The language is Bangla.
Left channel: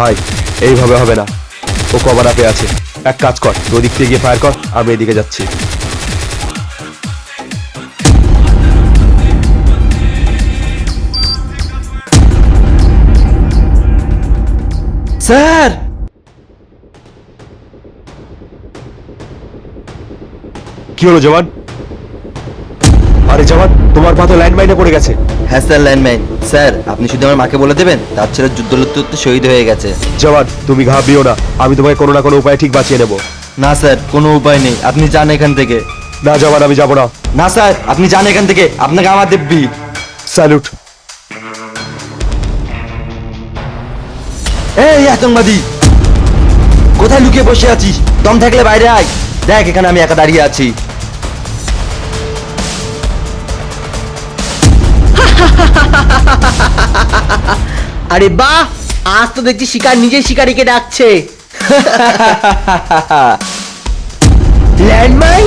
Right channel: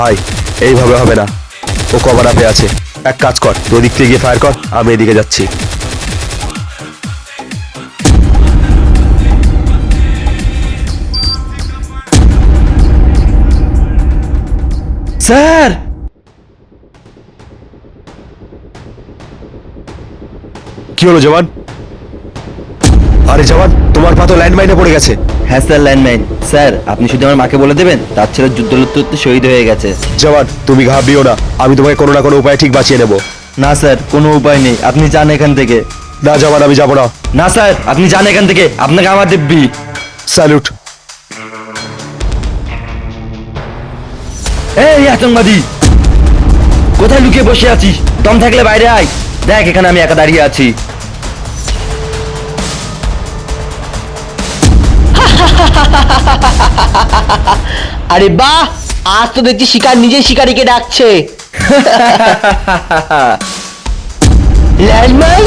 ভাই এইভাবে হবে না। ও কভার আপে আছে। এক কাজ কর ওদিক থেকে গিয়ে ফায়ার কর আমি এদিকে যাচ্ছি। স্যার! কি হলো জওয়ান? আরে জওয়ান তোমার পা তো ল্যান্ডমাইনে পড়ে গেছে। হ্যাঁ স্যার ল্যান্ডমাইন। স্যার আপনি শুধু আমার মাকে বলে দেবেন তার ছেলে যুদ্ধ লুদ্ধতে শহীদ হয়ে গেছে। জওয়ান তুমি ঘাবড়িও না আমি তোমাকে কোনো না কোনো উপায় ঠিক বাঁচিয়ে নেব। না স্যার কোনো উপায় নেই আপনি যান এখান থেকে। না জওয়ান আমি যাব না। না স্যার আপনি যান এখান থেকে আপনাকে আমার দিব্যি স্যালুট। এই আতঙ্কবাদী কোথায় লুকিয়ে বসে আছিস? দম থাকলে বাইরে আয়। দেখ এখানে আমি একা দাঁড়িয়ে আছি। আরে বাহ আজ তো দেখছি শিকার নিজেই শিকারীকে ডাকছে। ল্যান্ডমাইন